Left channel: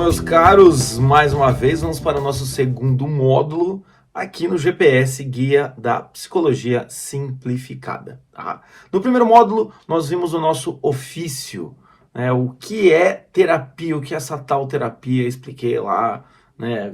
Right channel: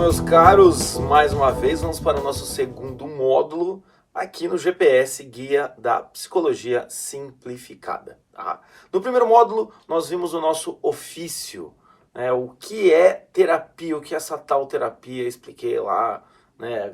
Então, meus caros, mais uma vez vamos para o nosso segundo módulo aqui no GPS Guia da Psicologia Simplificada. Tá? No primeiro módulo, nós vimos o nosso ofício, né? O que é terapia, o que é essa tal terapia, expliquei lá, né?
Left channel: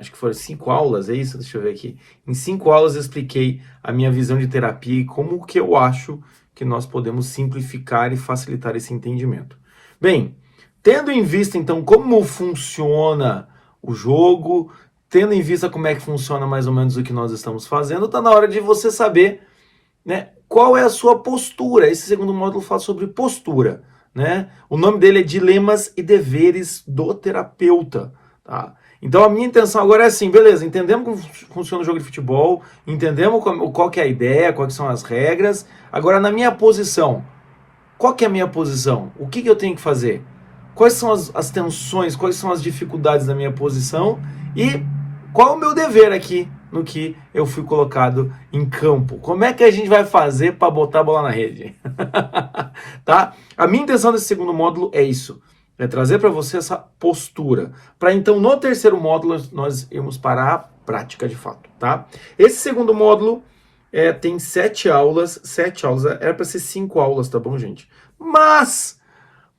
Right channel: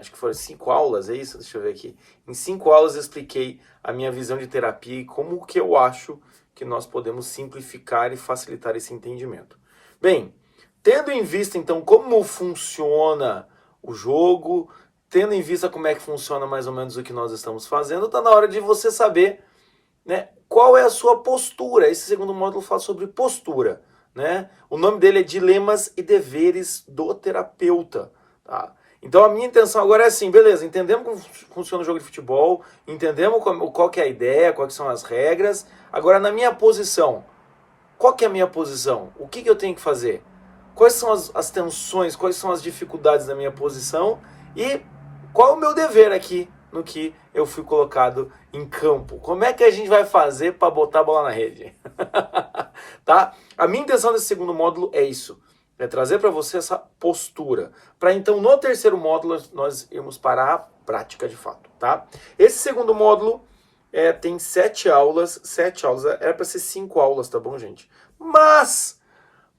Acho que foram 5 aulas, é isso? Deixa eu ver aqui. Em 5 aulas eu expliquei a minha visão de terapia e como que eu acho que nós podemos simplificar e facilitar esse entendimento. Bem, tendo em vista, então, como funciona o jogo, tendo em vista como é que funciona mais ou menos o que nós estamos fazendo, está na hora de você saber, né, qual é a sua postura. Esse segundo módulo fala sobre postura, né? O nome dele é Dilemas e Deveres do Terapeuta, tá? Então a minha intenção agora é assim, beleza, entendemos como funciona o jogo de futebol, entendemos qual que é a ideia, quais são as regras. Agora, na minha posição, qual que é a minha posição? O que eu tenho que fazer? Quais são as tensões, quais são as dificuldades da minha posição e qual é o meu dever aqui no que eu fui colocado em campo? Como é que a gente vai fazer para botar a bola na rede? Tá? A minha intenção desse segundo módulo é isso, é trazer para você essa postura, para então no terceiro módulo nós irmos para a prática de fato, tá? Esse segundo módulo tem 7 aulas, era para ser 5 aulas, tá bom, gente? Mas,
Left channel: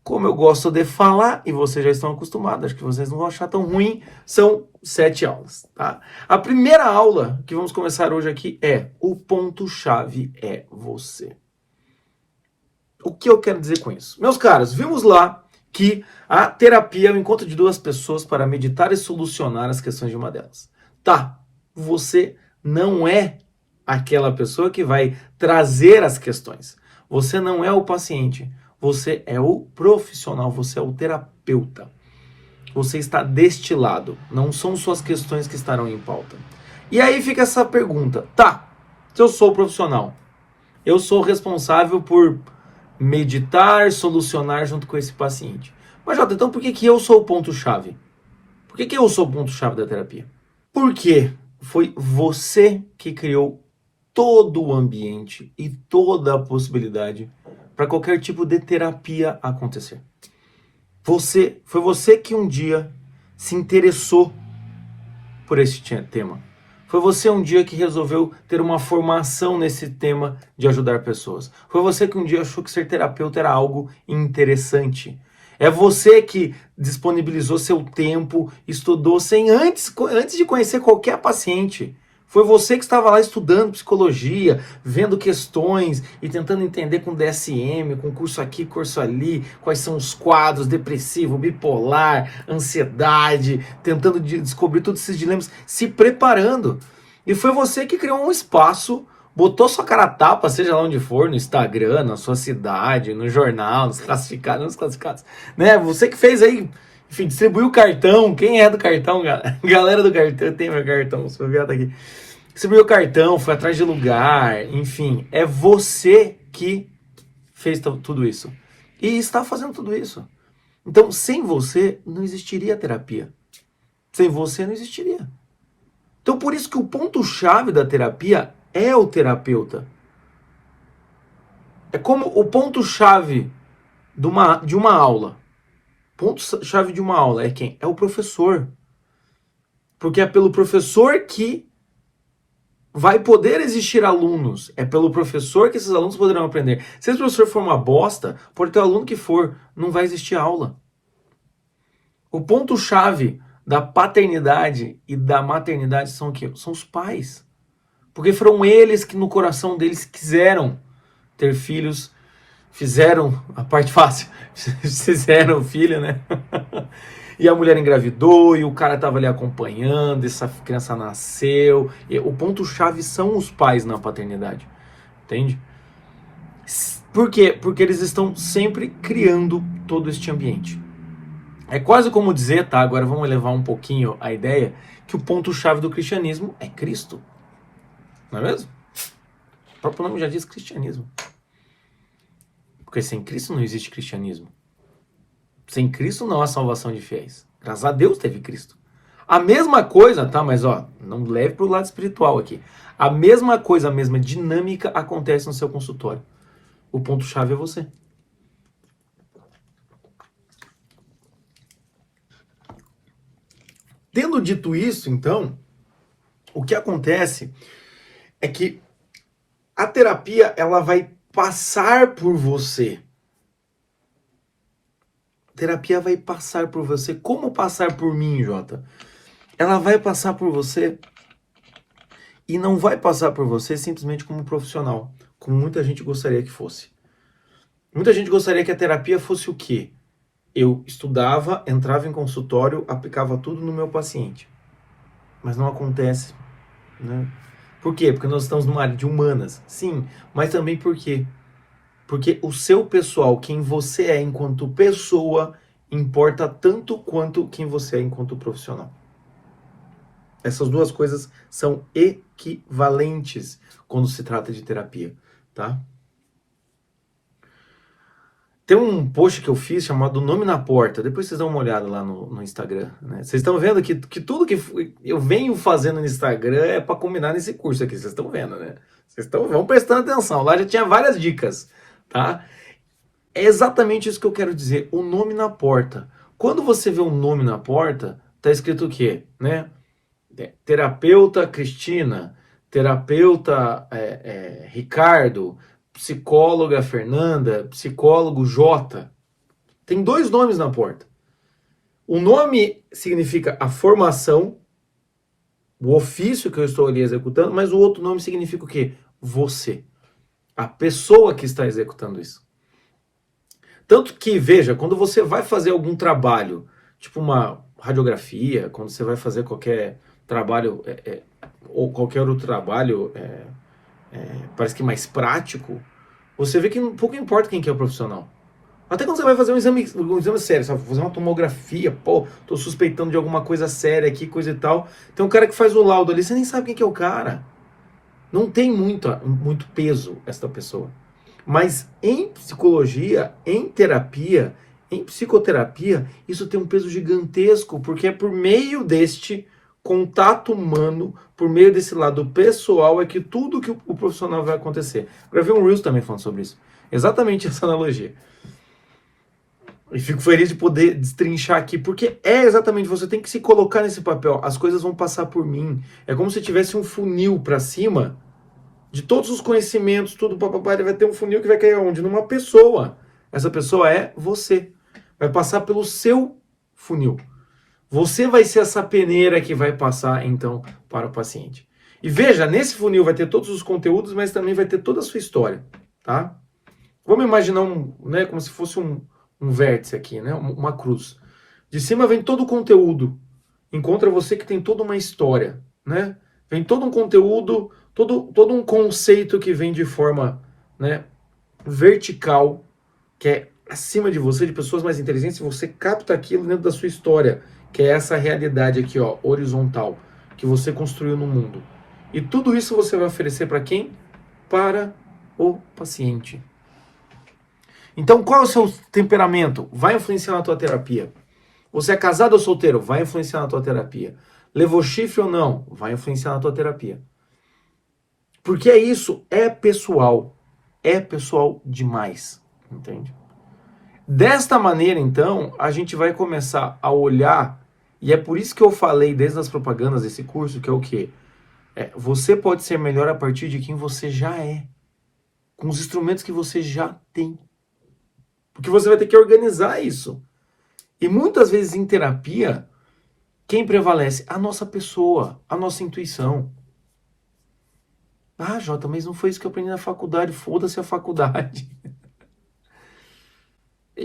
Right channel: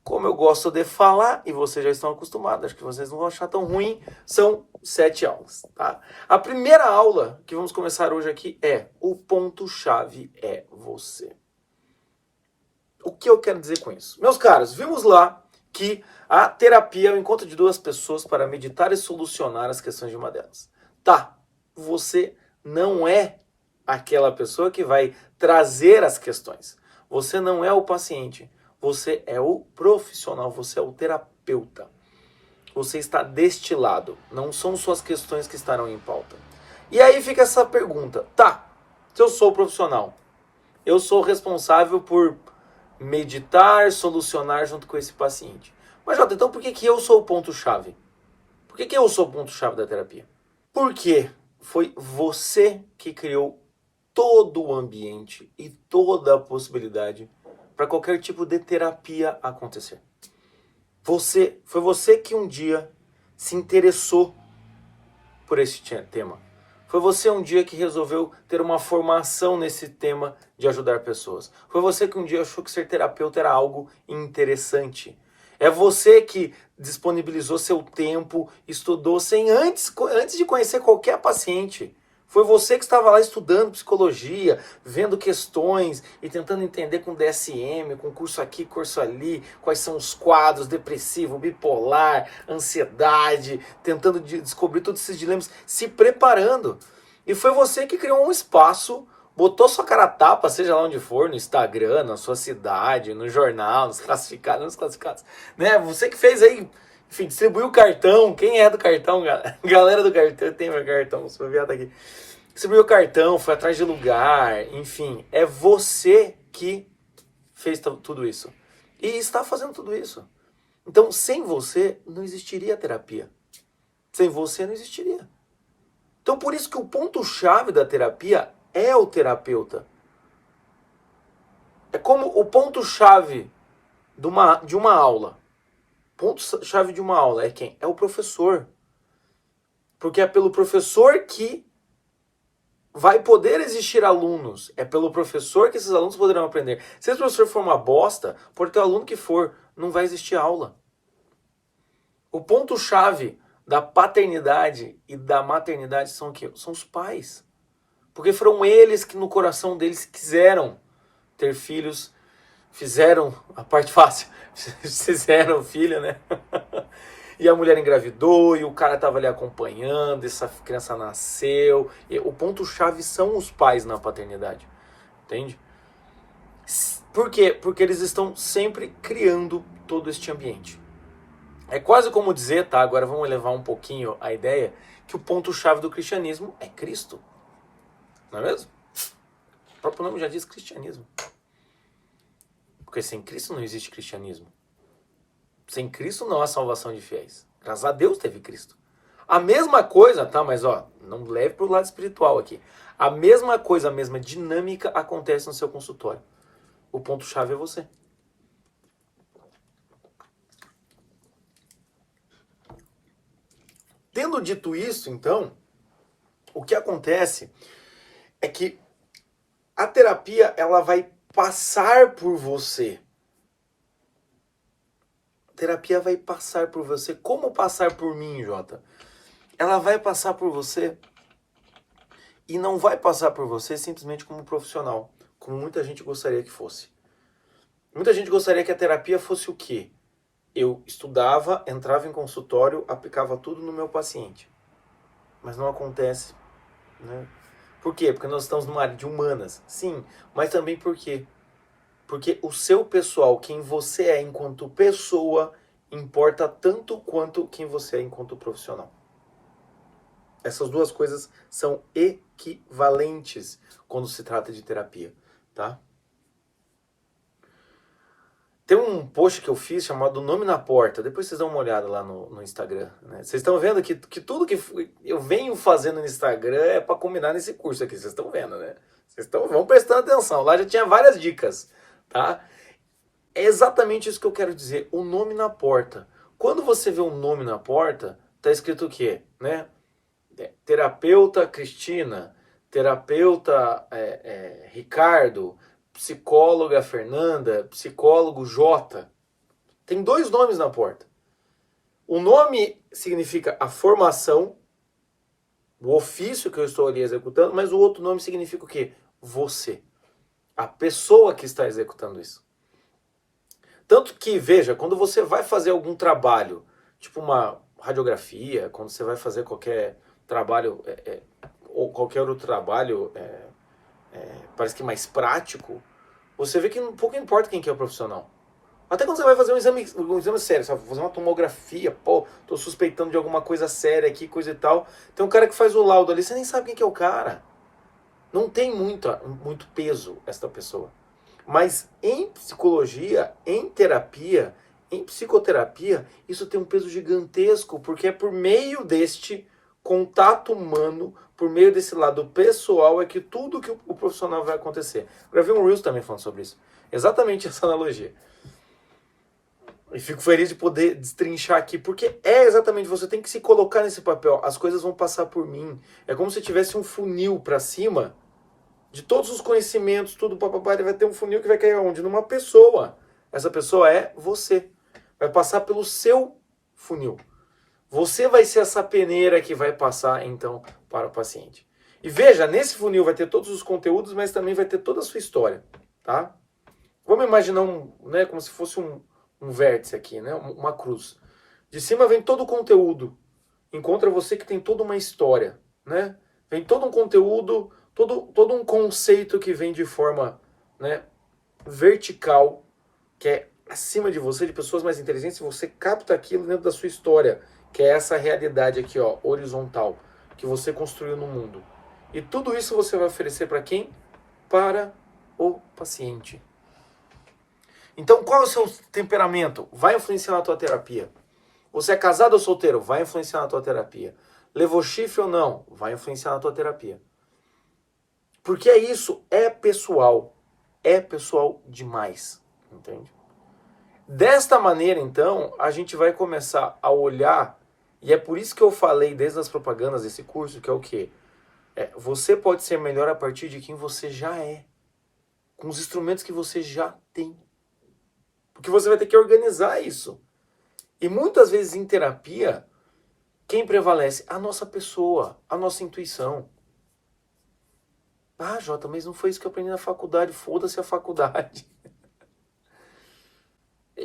como eu gosto de falar, e vocês já estão acostumados, acho que vocês não vão achar tão ruim, são 7 aulas, tá? A primeira aula que vamos começar hoje aqui é o ponto-chave é você. O que eu quero dizer com isso? Meus caros, vimos lá que a terapia é o encontro de duas pessoas para meditar e solucionar as questões de uma delas. Tá, você não é aquela pessoa que vai trazer as questões. Você não é o paciente. Você é o profissional, você é o terapeuta. Você está deste lado. Não são suas questões que estarão em pauta. E aí fica essa pergunta. Tá, se eu sou o profissional, eu sou responsável por meditar, solucionar junto com esse paciente. Mas, Jota, então por que eu sou o ponto-chave? Por que eu sou o ponto-chave da terapia? Porque foi você que criou todo o ambiente e toda a possibilidade para qualquer tipo de terapia acontecer. Foi você que um dia se interessou por esse tema. Foi você um dia que resolveu ter uma formação nesse tema de ajudar pessoas. Foi você que um dia achou que ser terapeuta era algo interessante. É você que disponibilizou seu tempo, estudou sem antes de conhecer qualquer paciente. Foi você que estava lá estudando psicologia, vendo questões e tentando entender com DSM, com curso aqui, curso ali, quais são os quadros, depressivo, bipolar, ansiedade, tentando descobrir todos esses dilemas, se preparando. E foi você que criou um espaço, botou sua cara a tapa, seja lá onde for, no Instagram, na sua cidade, no jornal, nos classificados, né? Você que fez aí, enfim, distribuiu o cartão. Quem é do cartão, galera do cartão? Eu tenho meu cartão, sou viado aqui. Distribuiu o cartão, foi atrás de lugar, enfim. É você que fez tudo isso. E está fazendo tudo isso. Então, sem você, não existiria terapia. Sem você, não existiria. Então, por isso que o ponto-chave da terapia é o terapeuta. É como o ponto-chave de uma aula. Ponto-chave de uma aula é quem? É o professor. Porque é pelo professor que vai poder existir alunos. É pelo professor que esses alunos poderão aprender. Se esse professor for uma bosta, por ter aluno que for, não vai existir aula. O ponto-chave da paternidade e da maternidade são o quê? São os pais. Porque foram eles que no coração deles quiseram ter filhos, fizeram a parte fácil, fizeram filho, né? E a mulher engravidou, e o cara estava ali acompanhando, essa criança nasceu. E o ponto-chave são os pais na paternidade, entende? Por quê? Porque eles estão sempre criando todo este ambiente. É quase como dizer, tá? Agora vamos elevar um pouquinho a ideia, que o ponto-chave do cristianismo é Cristo. Não é mesmo? O próprio nome já diz cristianismo. Porque sem Cristo não existe cristianismo. Sem Cristo não há salvação de fiéis. Graças a Deus teve Cristo. A mesma coisa, tá? Mas ó, não leve pro lado espiritual aqui. A mesma coisa, a mesma dinâmica acontece no seu consultório. O ponto-chave é você. Tendo dito isso, então, o que acontece é que a terapia ela vai passar por você. A terapia vai passar por você. Como passar por mim, Jota? Ela vai passar por você e não vai passar por você simplesmente como profissional, como muita gente gostaria que fosse. Muita gente gostaria que a terapia fosse o quê? Eu estudava, entrava em consultório, aplicava tudo no meu paciente. Mas não acontece, né? Por quê? Porque nós estamos numa área de humanas. Sim, mas também por quê? Porque o seu pessoal, quem você é enquanto pessoa, importa tanto quanto quem você é enquanto profissional. Essas duas coisas são equivalentes quando se trata de terapia, tá? Tem um post que eu fiz chamado Nome na Porta. Depois vocês dão uma olhada lá no Instagram, né? Vocês estão vendo que tudo que eu venho fazendo no Instagram é para combinar nesse curso aqui. Vocês estão vendo, né? Vão prestando atenção. Lá já tinha várias dicas, tá? É exatamente isso que eu quero dizer. O nome na porta. Quando você vê um nome na porta, tá escrito o quê, né? Terapeuta Cristina, terapeuta Ricardo, psicóloga Fernanda, psicólogo Jota. Tem dois nomes na porta. O nome significa a formação, o ofício que eu estou ali executando, mas o outro nome significa o quê? Você. A pessoa que está executando isso. Tanto que, veja, quando você vai fazer algum trabalho, tipo uma radiografia, quando você vai fazer qualquer trabalho, ou qualquer outro trabalho, parece que mais prático, você vê que pouco importa quem que é o profissional. Até quando você vai fazer um exame sério, você vai fazer uma tomografia, pô, tô suspeitando de alguma coisa séria aqui, coisa e tal. Tem um cara que faz o laudo ali, você nem sabe quem que é o cara. Não tem muito peso esta pessoa. Mas em psicologia, em terapia, em psicoterapia, isso tem um peso gigantesco, porque é por meio deste contato humano, por meio desse lado pessoal, é que tudo que o profissional vai acontecer. Gravei um Reels também falando sobre isso. Exatamente essa analogia. E fico feliz de poder destrinchar aqui, porque é exatamente, você tem que se colocar nesse papel. As coisas vão passar por mim. É como se tivesse um funil para cima de todos os conhecimentos, tudo, papapá, vai ter um funil que vai cair onde? Numa pessoa. Essa pessoa é você. Vai passar pelo seu funil. Você vai ser essa peneira que vai passar, então, para o paciente. E veja, nesse funil vai ter todos os conteúdos, mas também vai ter toda a sua história, tá? Vamos imaginar né, como se fosse um vértice aqui, né? Uma cruz. De cima vem todo o conteúdo. Encontra você que tem toda uma história, né? Vem todo um conteúdo, todo um conceito que vem de forma, né, vertical, que é acima de você, de pessoas mais inteligentes, e você capta aquilo dentro da sua história, que é essa realidade aqui, ó, horizontal, que você construiu no mundo. E tudo isso você vai oferecer para quem? Para o paciente. Então, qual é o seu temperamento? Vai influenciar na tua terapia. Você é casado ou solteiro? Vai influenciar na tua terapia. Levou chifre ou não? Vai influenciar na tua terapia. Porque isso é pessoal. É pessoal demais. Entende? Desta maneira, então, a gente vai começar a olhar, e é por isso que eu falei desde as propagandas desse curso, que é o quê? Você pode ser melhor a partir de quem você já é. Com os instrumentos que você já tem. Porque você vai ter que organizar isso. E muitas vezes em terapia, quem prevalece? A nossa pessoa, a nossa intuição. Ah, Jota, mas não foi isso que eu aprendi na faculdade. Foda-se a faculdade.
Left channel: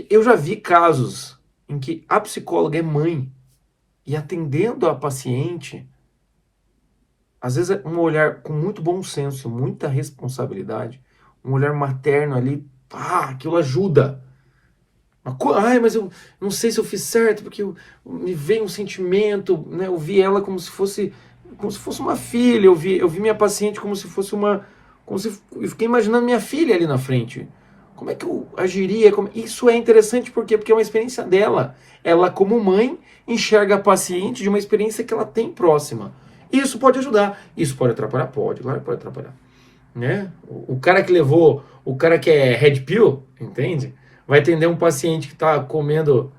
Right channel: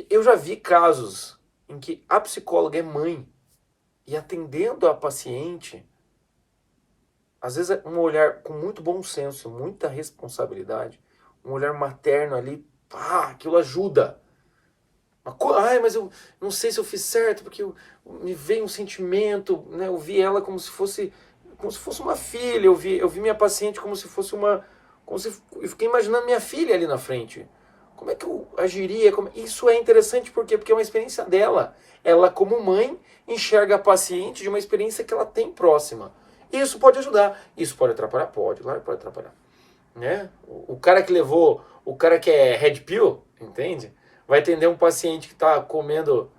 Eu já vi casos em que a psicóloga é mãe e atendendo a paciente, às vezes é um olhar com muito bom senso, muita responsabilidade, um olhar materno ali, aquilo ajuda. Ai, mas eu não sei se eu fiz certo, porque me veio um sentimento, né? Eu vi ela como se fosse uma filha, eu vi minha paciente como se fosse eu fiquei imaginando minha filha ali na frente. Como é que eu agiria? Isso é interessante porque é uma experiência dela. Ela, como mãe, enxerga a paciente de uma experiência que ela tem próxima. Isso pode ajudar. Isso pode atrapalhar? Pode, claro que pode atrapalhar. Né? O cara que é Red Pill, entende? Vai atender um paciente que está comendo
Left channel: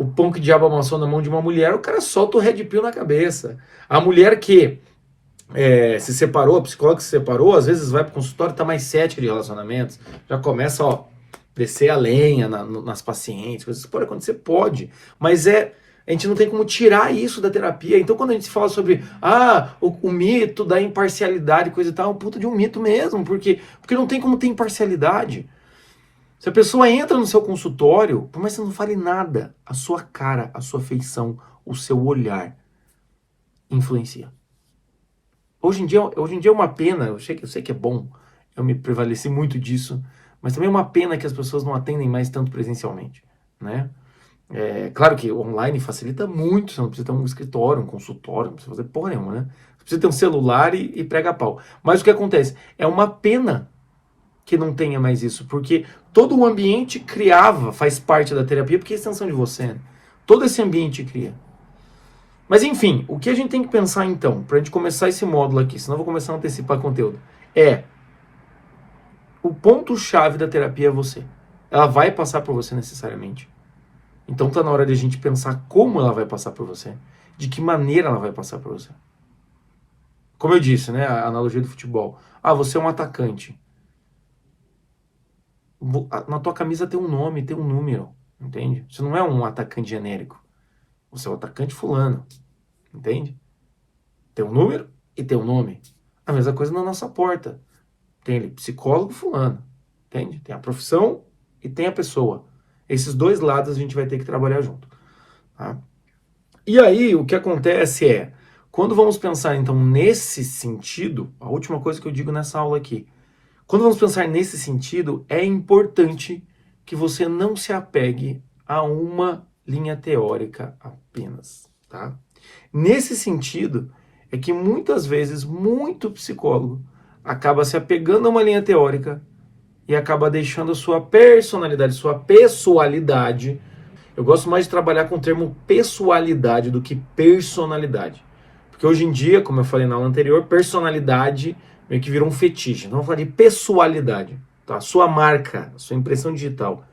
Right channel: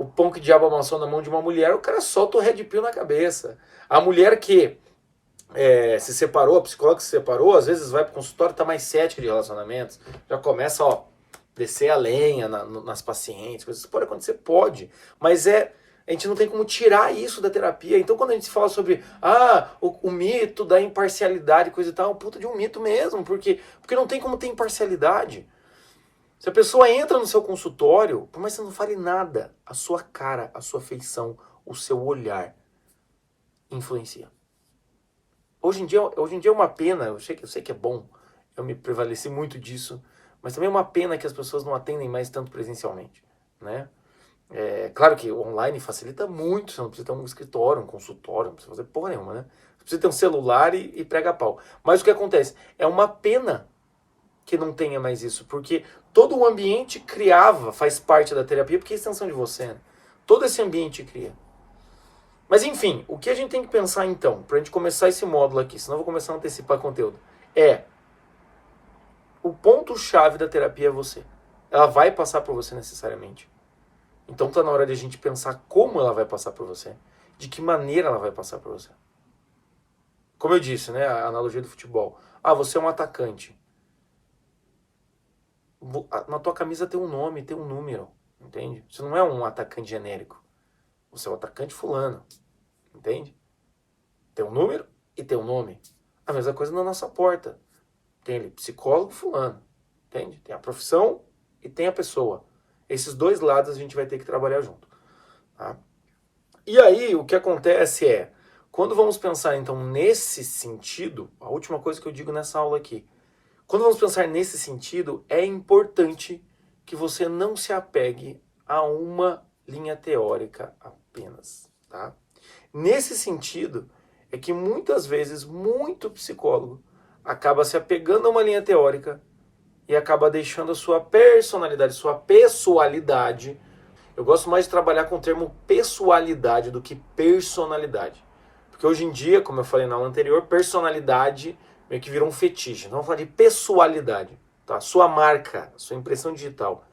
o pão que o diabo amassou na mão de uma mulher, o cara solta o red pill na cabeça. A mulher que se separou, a psicóloga que se separou, às vezes vai pro consultório e tá mais cética de relacionamentos, já começa, descer a lenha nas pacientes, coisas que pode acontecer, pode, mas a gente não tem como tirar isso da terapia. Então quando a gente fala sobre o mito da imparcialidade, coisa e tal, é um puta de um mito mesmo, porque não tem como ter imparcialidade. Se a pessoa entra no seu consultório, por mais que você não fale nada, a sua cara, a sua feição, o seu olhar influencia. Hoje em dia é uma pena, eu sei que é bom, eu me prevaleci muito disso, mas também é uma pena que as pessoas não atendem mais tanto presencialmente, né? Claro que o online facilita muito, você não precisa ter um escritório, um consultório, não precisa fazer porra nenhuma, né? Você precisa ter um celular e prega pau. Mas o que acontece? É uma pena que não tenha mais isso, porque todo o ambiente faz parte da terapia, porque é extensão de você, né? Todo esse ambiente cria. Mas enfim, o que a gente tem que pensar então, pra gente começar esse módulo aqui, senão eu vou começar a antecipar conteúdo, o ponto-chave da terapia é você. Ela vai passar por você necessariamente. Então tá na hora de a gente pensar como ela vai passar por você, de que maneira ela vai passar por você. Como eu disse, né, a analogia do futebol. Você é um atacante. Na tua camisa tem um nome, tem um número, entende? Você não é um atacante genérico. Você é o atacante fulano, entende? Tem um número e tem um nome. A mesma coisa na nossa porta. Tem ali psicólogo fulano, entende? Tem a profissão e tem a pessoa. Esses dois lados a gente vai ter que trabalhar junto. Tá? E aí o que acontece quando vamos pensar então nesse sentido, a última coisa que eu digo nessa aula aqui, quando vamos pensar nesse sentido, é importante que você não se apegue a uma linha teórica apenas, tá? Nesse sentido, é que muitas vezes, muito psicólogo acaba se apegando a uma linha teórica e acaba deixando a sua personalidade, sua pessoalidade. Eu gosto mais de trabalhar com o termo pessoalidade do que personalidade. Porque hoje em dia, como eu falei na aula anterior, personalidade meio que virou um fetiche. Então, vamos falar de pessoalidade, tá? Sua marca, sua impressão digital.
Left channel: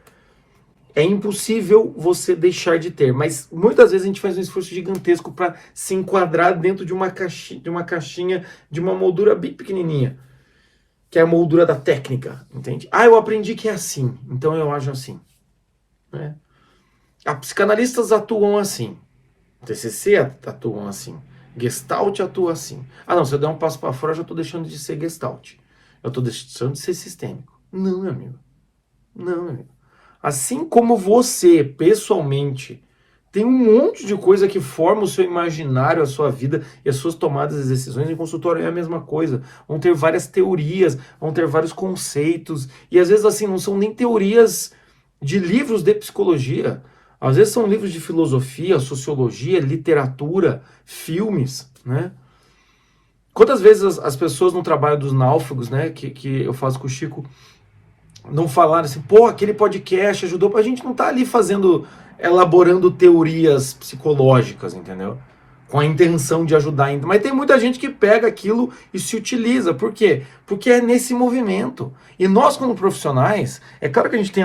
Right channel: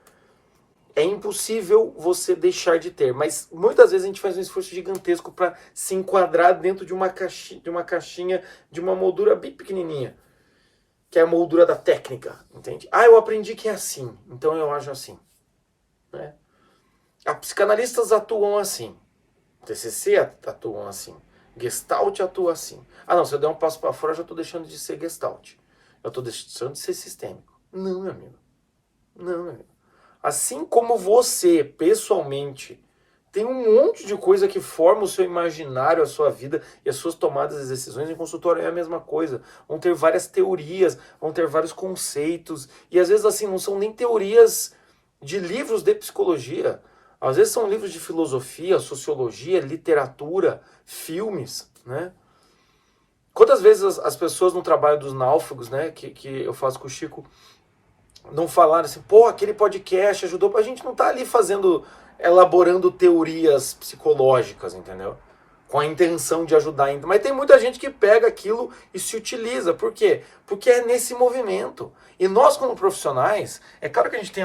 É impossível você deixar de ter, mas muitas vezes a gente faz um esforço gigantesco para se enquadrar dentro de uma caixinha, de uma moldura bem pequenininha, que é a moldura da técnica, entende? Eu aprendi que é assim, então eu ajo assim, né? Psicanalistas atuam assim, TCC atuam assim, Gestalt atua assim. Não, se eu der um passo para fora, eu já estou deixando de ser Gestalt. Eu estou deixando de ser sistêmico. Não, meu amigo. Não, meu amigo. Assim como você, pessoalmente, tem um monte de coisa que forma o seu imaginário, a sua vida e as suas tomadas de decisões. Em consultório é a mesma coisa. Vão ter várias teorias, vão ter vários conceitos. E às vezes, assim, não são nem teorias de livros de psicologia. Às vezes são livros de filosofia, sociologia, literatura, filmes, né? Quantas vezes as pessoas no trabalho dos náufragos, né, que eu faço com o Chico, não falaram assim, aquele podcast ajudou, a gente não tá ali elaborando teorias psicológicas, entendeu? Com a intenção de ajudar ainda. Mas tem muita gente que pega aquilo e se utiliza. Por quê? Porque é nesse movimento. E nós, como profissionais, é claro que a gente tem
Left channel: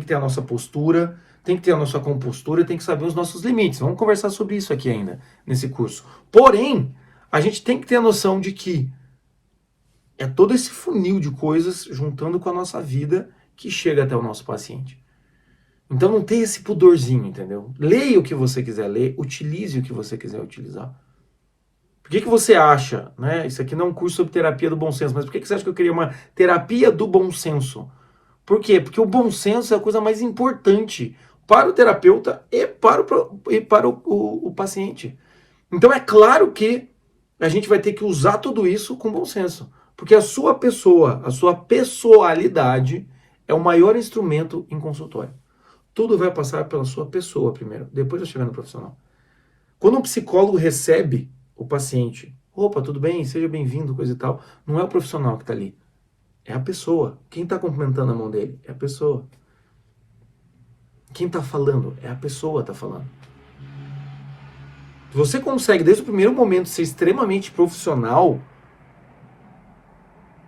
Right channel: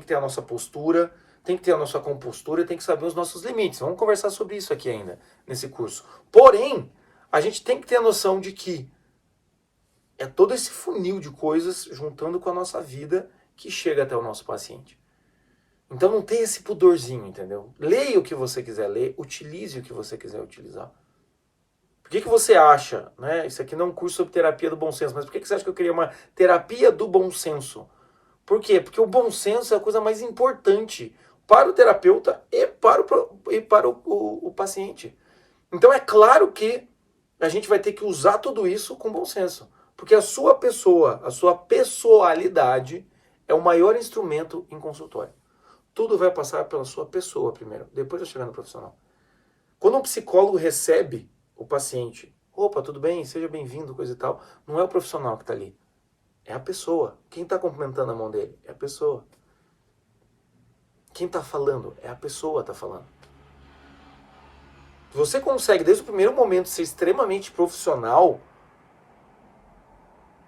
que ter a nossa postura, tem que ter a nossa compostura e tem que saber os nossos limites. Vamos conversar sobre isso aqui ainda, nesse curso. Porém, a gente tem que ter a noção de que é todo esse funil de coisas juntando com a nossa vida que chega até o nosso paciente. Então não tem esse pudorzinho, entendeu? Leia o que você quiser ler, utilize o que você quiser utilizar. Por que você acha, né? Isso aqui não é um curso sobre terapia do bom senso, mas por que você acha que eu queria uma terapia do bom senso? Por quê? Porque o bom senso é a coisa mais importante para o terapeuta e para o paciente. Então é claro que a gente vai ter que usar tudo isso com bom senso. Porque a sua pessoa, a sua pessoalidade é o maior instrumento em consultório. Tudo vai passar pela sua pessoa primeiro, depois vai chegar no profissional. Quando um psicólogo recebe o paciente, tudo bem, seja bem-vindo, coisa e tal, não é o profissional que está ali, é a pessoa. Quem está cumprimentando a mão dele é a pessoa. Quem está falando é a pessoa que está falando. Se você consegue, desde o primeiro momento, ser extremamente profissional,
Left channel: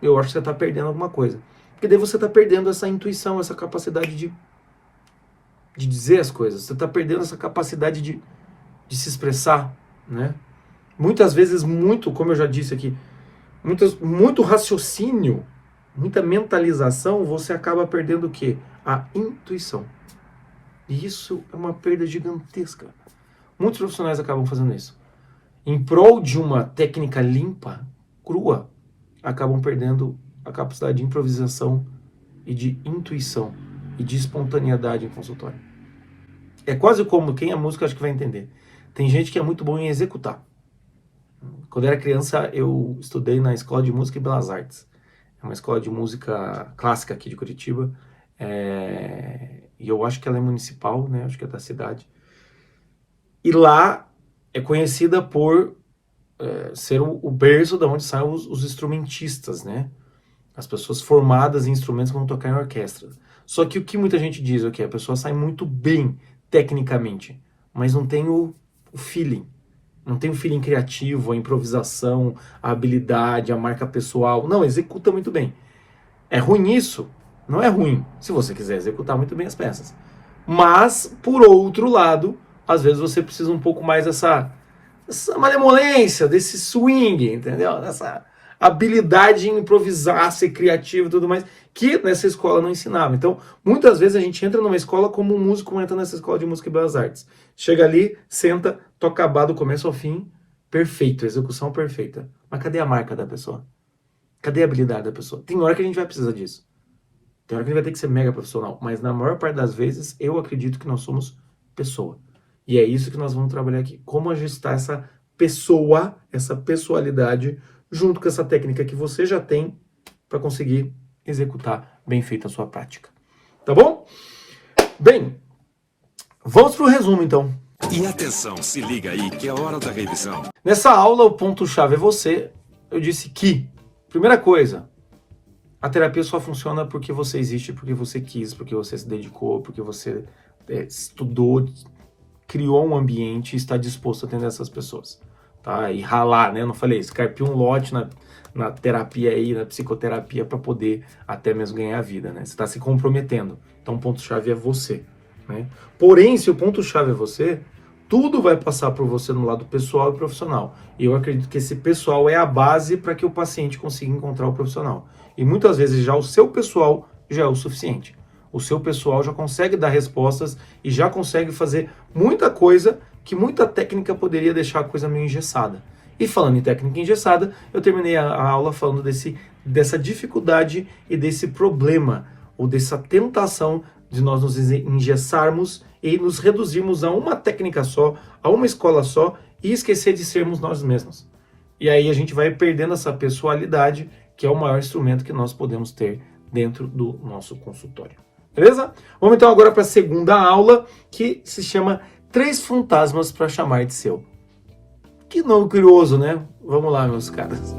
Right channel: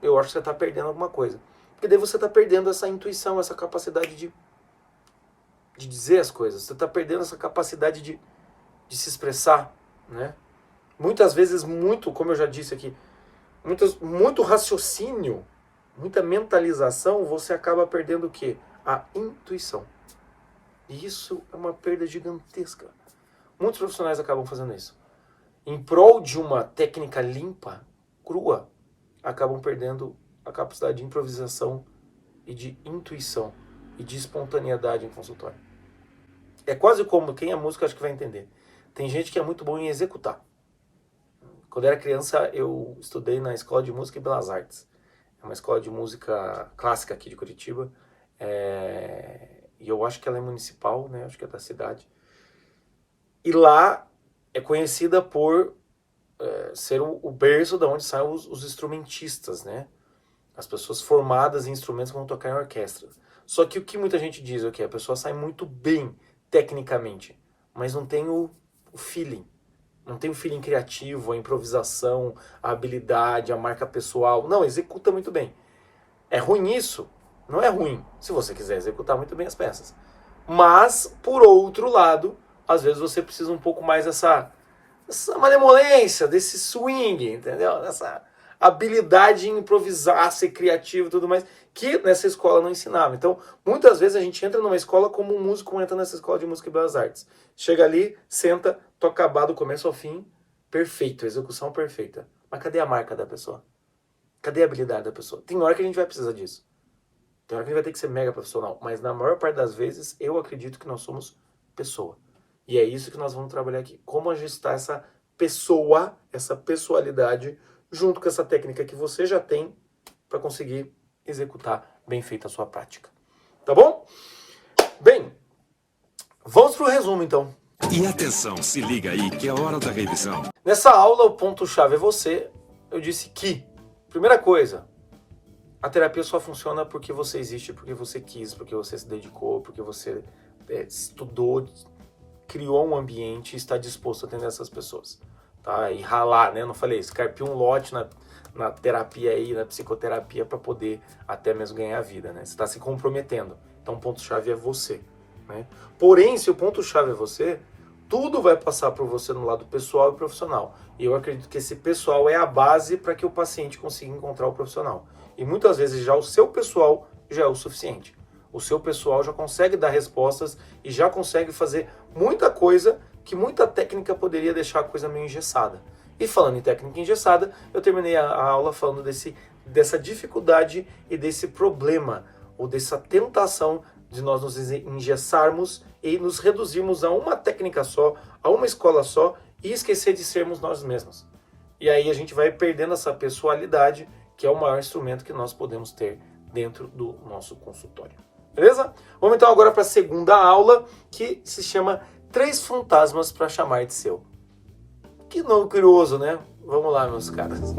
eu acho que você está perdendo alguma coisa. Porque daí você está perdendo essa intuição, essa capacidade de de dizer as coisas, você está perdendo essa capacidade de se expressar, né? Muitas vezes, como eu já disse aqui, muito raciocínio, muita mentalização, você acaba perdendo o quê? A intuição. E isso é uma perda gigantesca. Muitos profissionais acabam fazendo isso. Em prol de uma técnica limpa, crua, acabam perdendo a capacidade de improvisação e de intuição e de espontaneidade em consultório. É quase como, quem é músico acho que vai entender. Tem gente que é muito bom em executar. Quando eu era criança, eu estudei na Escola de Música e Belas Artes. É uma escola de música clássica aqui de Curitiba. E eu acho que ela é municipal, né? Acho que é da cidade. E lá é conhecida por ser o berço de onde saem os instrumentistas, né? As pessoas formadas em instrumentos que vão tocar em orquestra. Só que o que muita gente diz é que a pessoa sai muito bem tecnicamente, mas não tem o feeling. Não tem o feeling criativo, a improvisação, a habilidade, a marca pessoal. Não, executa muito bem. É ruim isso? Não é ruim, se você quiser executar muito bem as peças. Mas, por outro lado, às vezes você precisa um pouco mais dessa malemolência, desse swing, entendeu? Dessa habilidade em improvisar, ser criativo e tudo mais, que nessa escola não ensinava. Então, muitas vezes a gente entra numa escola como um músico entra nessa escola de música e belas artes. Chega ali, senta, toca a aba do começo ao fim, perfeito, execução perfeita. Mas cadê a marca da pessoa? Cadê a habilidade da pessoa? Tem hora que a gente vai precisar disso. Tem hora que a gente vai ter que ser mega profissional. Mas na maior parte das vezes, eu acredito que nós somos pessoa. E é isso que nós vamos trabalhar aqui. Como ajustar essa pessoa, essa pessoalidade, junto com essa técnica que você já tem para conseguir executar bem feita a sua prática. Tá bom? Bem, vamos para o resumo então. E atenção, se liga aí que é hora da revisão. Nessa aula, o ponto-chave é você. Eu disse que, primeira coisa, a terapia só funciona porque você existe, porque você quis, porque você se dedicou, porque você estudou, criou um ambiente e está disposto a atender essas pessoas. Tá? E ralar, né? Eu não falei, escarpir um lote na terapia aí, na psicoterapia, para poder até mesmo ganhar a vida, né? Você está se comprometendo. Então o ponto-chave é você. Né? Porém, se o ponto-chave é você, tudo vai passar por você no lado pessoal e profissional. E eu acredito que esse pessoal é a base para que o paciente consiga encontrar o profissional. E muitas vezes já o seu pessoal já é o suficiente. O seu pessoal já consegue dar respostas e já consegue fazer muita coisa que muita técnica poderia deixar a coisa meio engessada. E falando em técnica engessada, eu terminei a aula falando dessa dificuldade e desse problema, ou dessa tentação de nós nos engessarmos e nos reduzirmos a uma técnica só, a uma escola só, e esquecer de sermos nós mesmos. E aí a gente vai perdendo essa pessoalidade, que é o maior instrumento que nós podemos ter dentro do nosso consultório. Beleza? Vamos então agora para a segunda aula, que se chama 3 fantasmas para chamar de seu. Que nome curioso, né? Vamos lá, meus caras.